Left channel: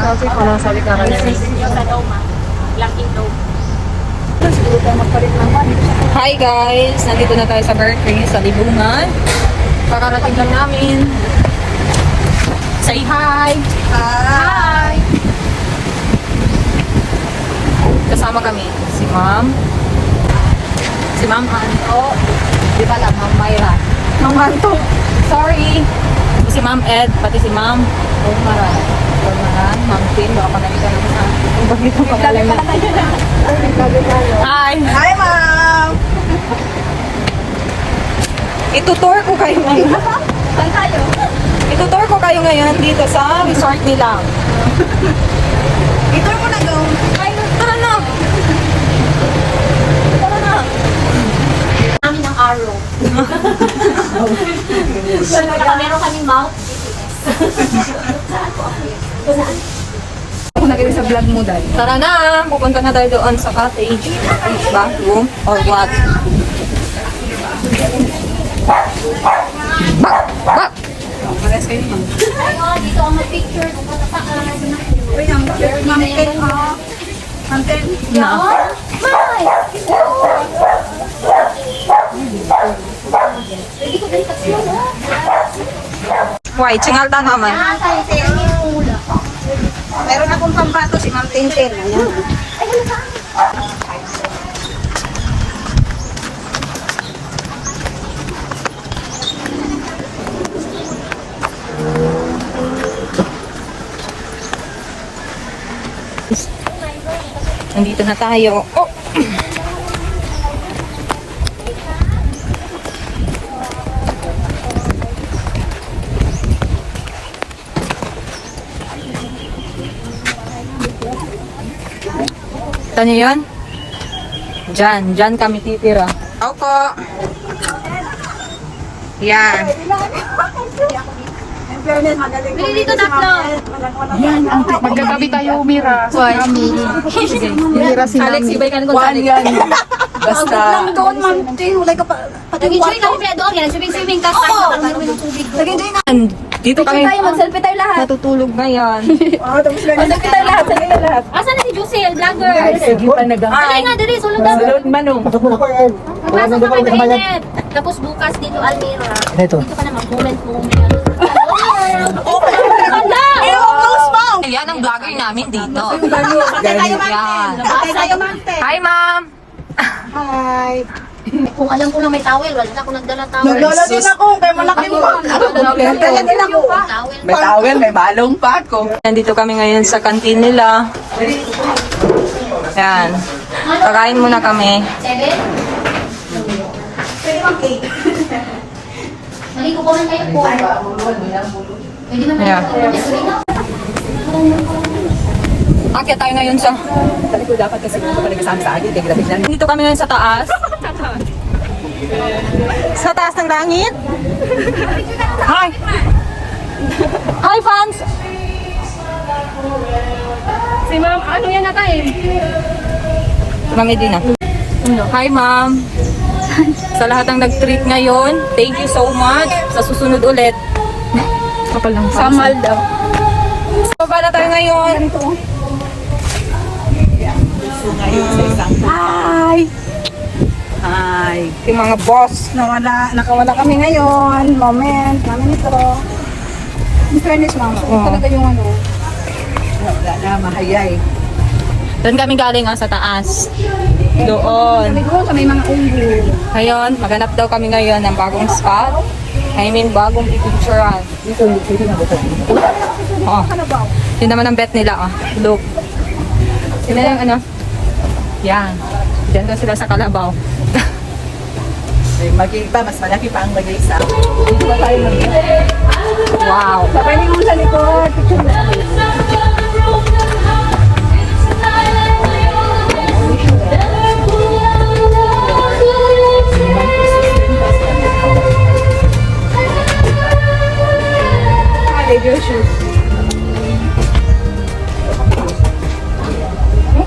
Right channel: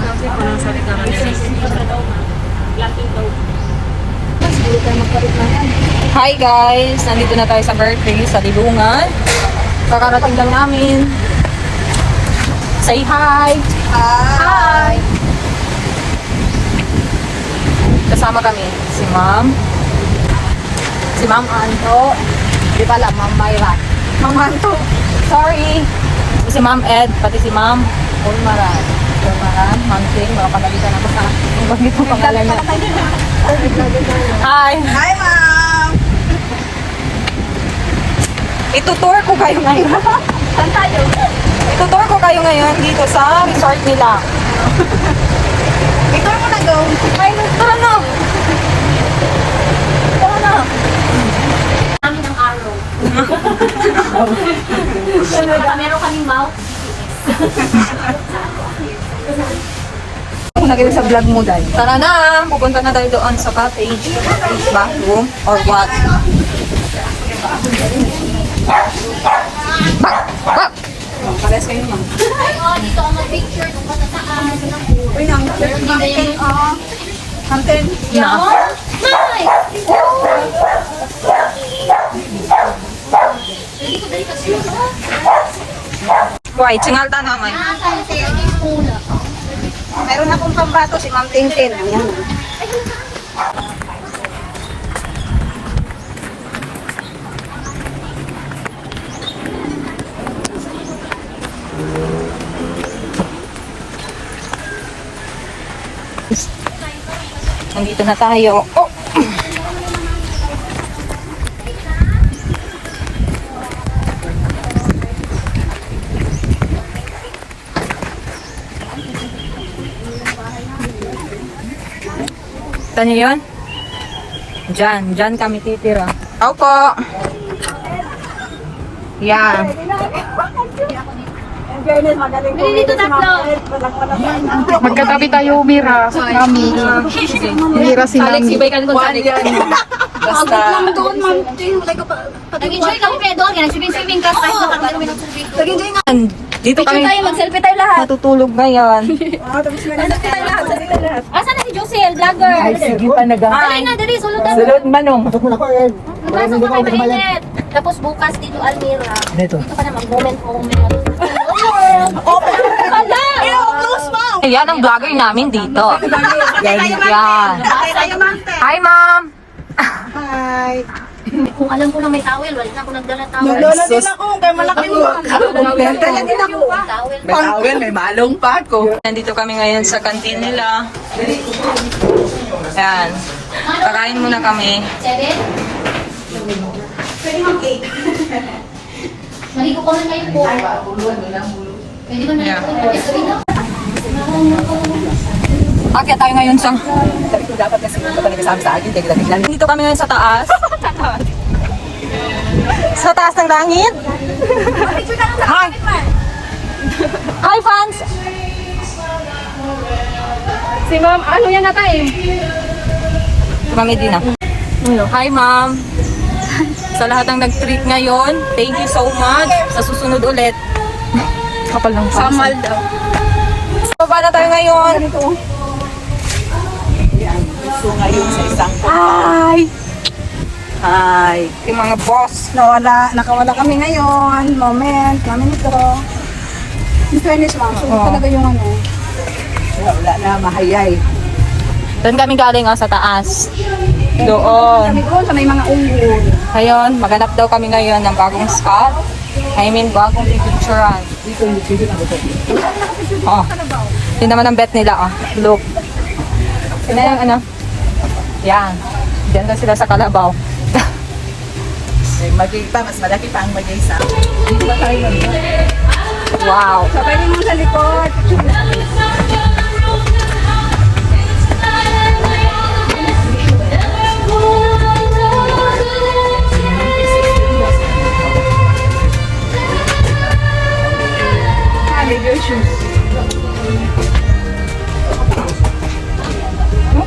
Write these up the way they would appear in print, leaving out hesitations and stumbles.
Kasi ko na sa likaran nila. Hi guys! Nandito na tayo sa birthday sa Libungan. Kakarating lang namin. Say hi! Hi! Kasama kami si Ma'am. Si Ma'am Anto. Di ba lang, Ma'am Myra. Ma'am Anto. Sorry. Si Ma'am Ed, pati si Ma'am Ulmaran. Ulmaran, Ma'am Ting. Baka pagalitan naman sa kung bakit mo pangalan na. Hi! Hi, ma'am! Itutour ko kayo ngayon. Saan tayo? Itutour ko kayo ngayon dito sa resort nila. Ito mo na daw. Ay, tara na! Tara na! Namin ang arrow. Meron kaming mouth. Kung nakita sa vlog mo, Dad. Tara na! Pupunta na tayo doon sa cottage. Bathroom or what? Bak! Pares kayo, ma'am. Dito ang picture. Uy, ang mountain, mountain. Na. May! Why? Tsingal ta naman. Meron akong pambato si Ma'am Tintin. Ayan. Nandito na tayo. Oh! Saan yun? Diyan kami titira. Opo. Yan. Bili dito tatlo. Magkatabi tayo, Mira. Mira sila. Alex, ibaikan ko sa Alex. Basta. Lang doon, Ma'am Tin. Wala ka pa. Nag-enjoy na kami doon. Swimming ka. Kahit nakakami ng tubig doon. Nag-enjoy na. Dito kami Mag-selfie tayo lahat. natutulog ba yan? Tapos lang. Selfie tayo lahat. Asan na si Josel? Vlogger. Sige pa Alay na, dali. Sulod na. Sunod manong. Magpasok ka kay mainit. Tapos bukas dito, Almira. Dito ka naman. Moment. Ayan ang vlogger namin dito. Yan. Patay tayo, Ma'am Tin. Hi, ma'am. Hi. Kung alam ko na may towel, wala na ako nagdala towel. Lola din ako. Kaya malaki mo. Kaya din ako. Towel. May tawag, may balong pa ako. Nandito kami ngayon sa kantin nila. Yan. Kakain muna kami. 7? Pwede mang cake. Naligo ko man kayo po. Pwede man Yeah. naligo. Akya tayo ngayon sa... Sabi ko dapat kasi kung kapag nagsasabi sa akin, tigil lang. Dito kami ngayon sa taas. Sa taas ng langit. Hi! Hi, fans! Si ma'am, ano yan na tayo? Ma'am Edina. Hi, ma'am. Sa lahat ng nag-treat ngayon, thank you so much. Sa susunod ulit. Kapal lang. Samal daw. So, paano tayo ngayon? So ngayon sa isang Hi! Hi. Yung mga boss. Nakawala kami ngayon. Moment ito. In fairness, Ma'am. So, talaga yung ano. Wala na, mahayay. Doon kami galing sa taas. Doon. Kami doon sa may mga unggoy. Ngayon, maghanap daw kami ngayon ng bagong spot. I mean, bagong pipicturean. Oh. Yun naman ang bet nila. Look. Sila lang ano. Yan. Diyan daw sila sa Kalabaw. Magigpa, mas malaki pa ang magisa. Dito pa tayo Wow. Sabay niyo sa likod.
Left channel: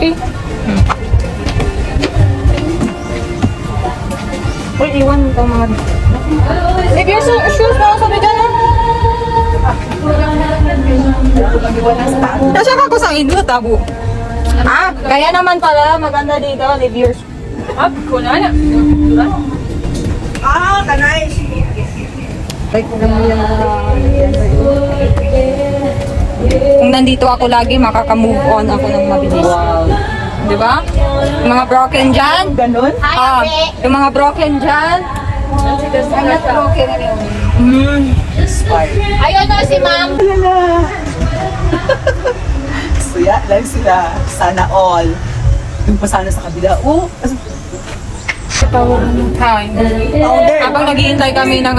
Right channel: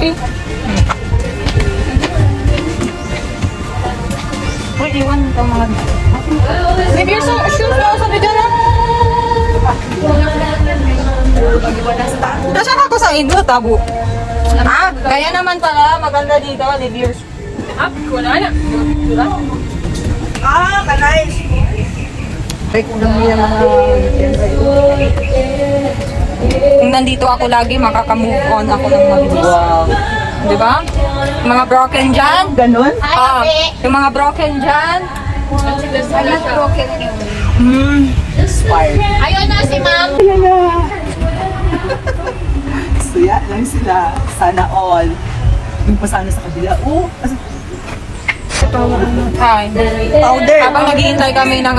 Okay. Uy, iwan ito mga... If you're so shoes mo, sabi dyan na. Kasi ako sa Indo, tabo. Ah, kaya naman pala, maganda dito, reviews. Up ko na. Kanay. Kung nandito ako lagi, makaka-move on ako ng mabilis. Di ba? Yung mga broken dyan. Ganon? Ah, yung mga broken dyan. Alat broken na yun. Ayun na si ma'am. So yan lang sila. Sana all. Yung pa sana sa kabila. Oh, Hi. Habang naghihintay kami ng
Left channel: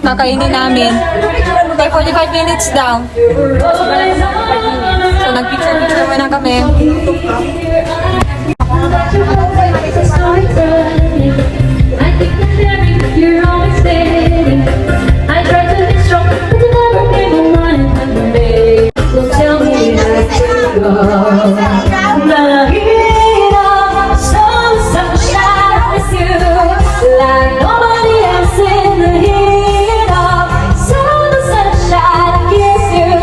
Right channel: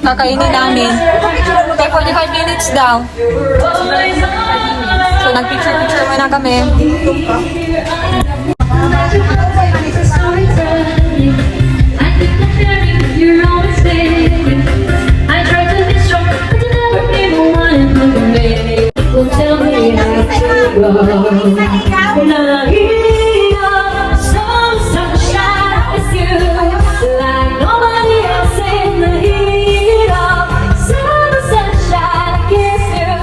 kakainin namin. Kaya 45 minutes daw. So nagpicture-picture muna kami. You're always there. I try to be strong, but I never ever wanted to be made. Well, tell me how to go. Laging some sunshine with you, like nobody else in the heat of some sunshine. I kiss you,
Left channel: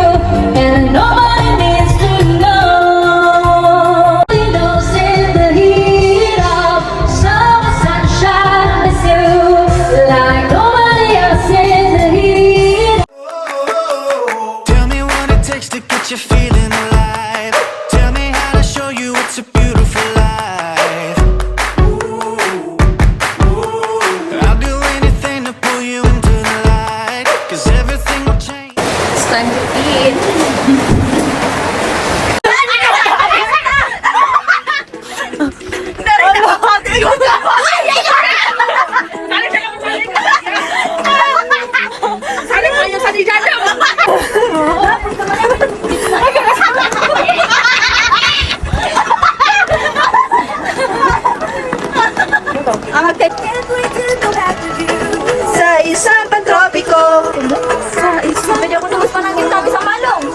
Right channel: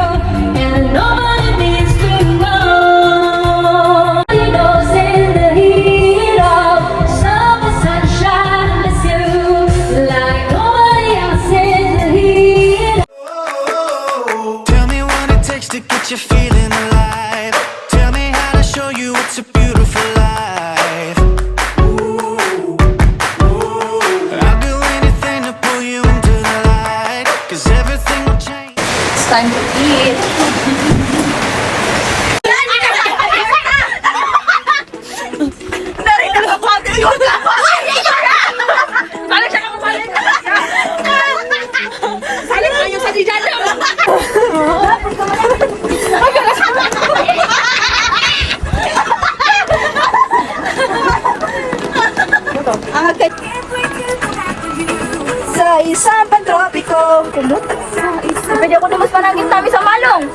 and nobody needs to know. Nobody knows in the heat of some sunshine with you, like nobody else in the heat. Tell me what it takes to get you feeling alive. Tell me how to show you it's a beautiful life. I'll do anything to pull you into the light, 'cause everything will change. It's time to eat. sa isang pagtropiko. Pwede ako tumus pa namin tabi sa manong.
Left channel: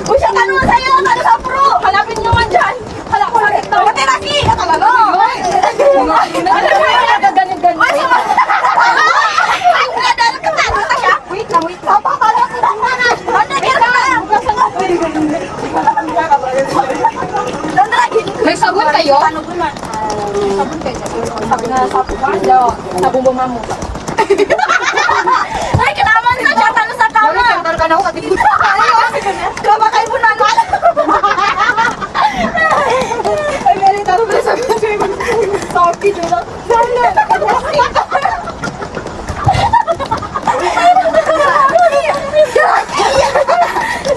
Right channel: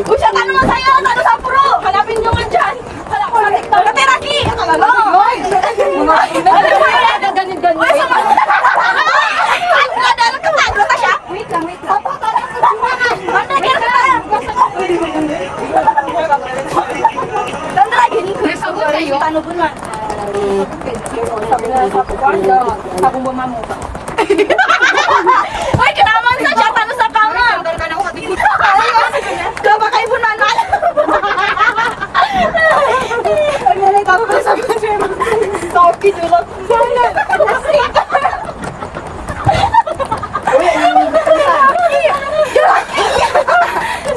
Uy, siya tanong mo sa'yo, tanong sa pro. Hanapin nyo man dyan. Hala ko lang ito. Materaki! Ano ka mo? Ganyan-ganyan. Wait lang. Papakala ko lang. Dandragin. May sabon kayo? Tanong ko na. Sabi na sa kukwanda. Sabong ba mamo? Ay, kinaman na siya. Tanong sa kama. Kama kayo po na. Ay, meron tayo pa sa mga. Talkie din ako.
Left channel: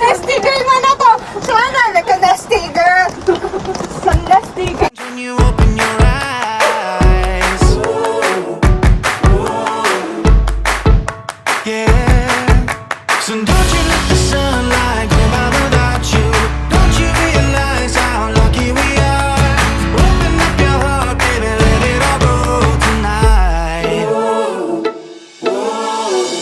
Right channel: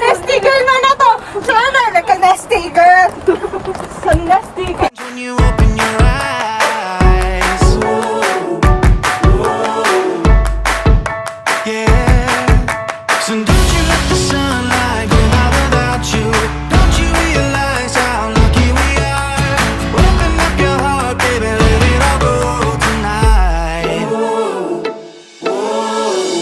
Nasty girl na na to. Sana naka-nasty girl. Sa nasty girl. When you open your eyes, yeah. So don't you let the sunlight go out without you. Don't you realize how lucky we are? Open up your heart, baby, let it all go tonight.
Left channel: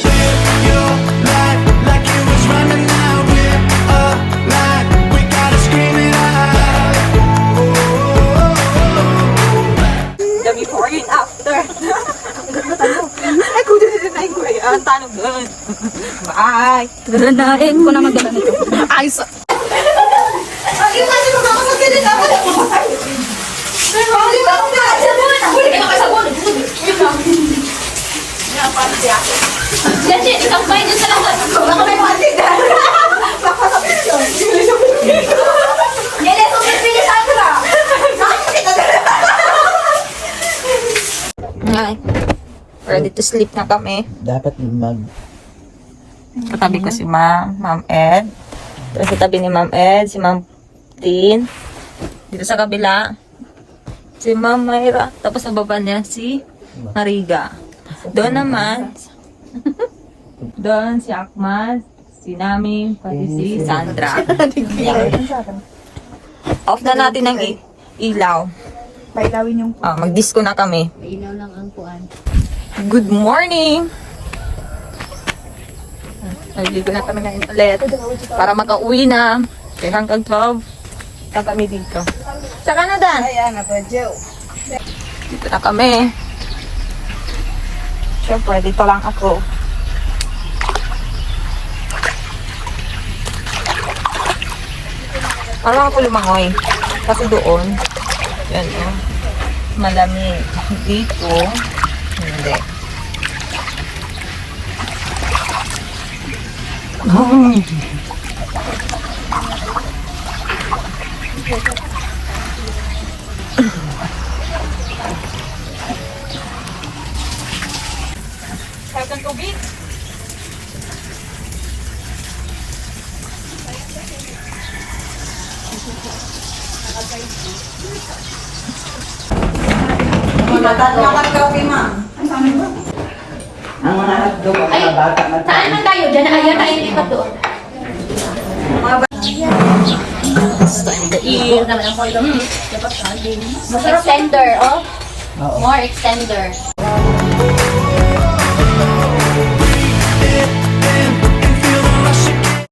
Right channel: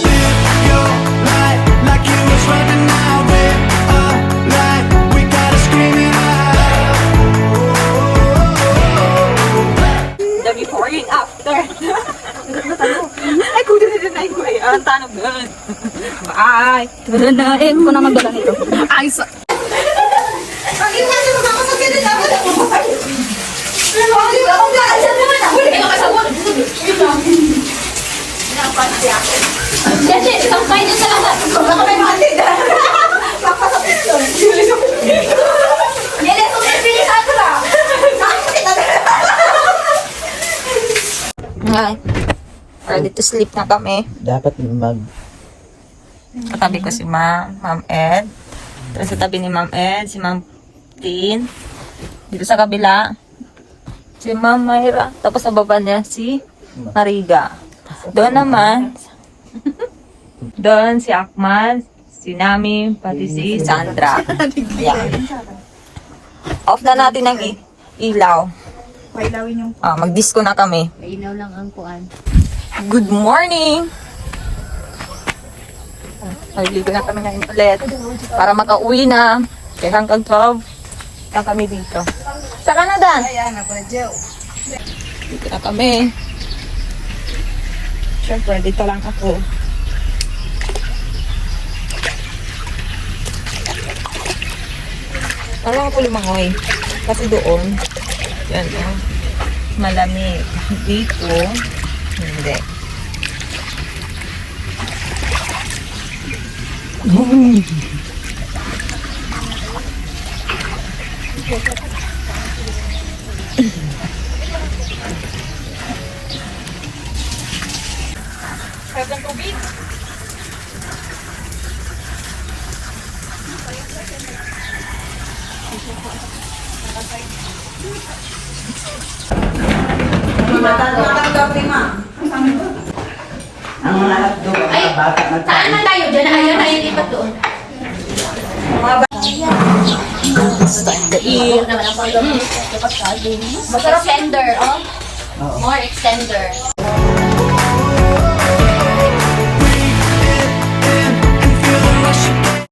Live your life like it was running out. Live a life, we gotta scream it out. The before and after. Ay, kudo dito tayo ko eh. Ang tanong doon. Bye. Dalain ko na magdala nito. Ay, sa... Ay, kasi mo ako magkita ako na po. Pero ako yung ako ka sa mo na. Huli ka sa mo. Dati, isang tayo dyan sa lahat. Ako may mati dyan. Nile, tumipili sa ato lang. Ay. Ready to sleep na kami. Dapat Katabi ko si Ma'am Ed. Tapos sa tabi ni Ma'am Ed, si Ma'am Tin. Dito sa kabila, Si Ma'am Myra. Tapos sa baba niya si Mariga. Doon naman, doon si Akman, si Nami, pati si Sandra. Yan. Off na natin ang ilaw. Pailawin yung Mag-disco na kami. Ilaw lang ang kuan. Good morning! Nagligo na kami ngayon ulit para makauwi na. Kaya hanggang 12 na kami dito. Sa Canada! ayan, nabadyo. Dito na kami. Siyempre, dito lang ako. Parang ako lumangoy. Kasi doon, yan malamig. Dito, hindi. Kailan tubig? Saan na tayo? Diyan na yan. Ayun, ipat doon. Time to eat. Masarap extender, oh. More extender.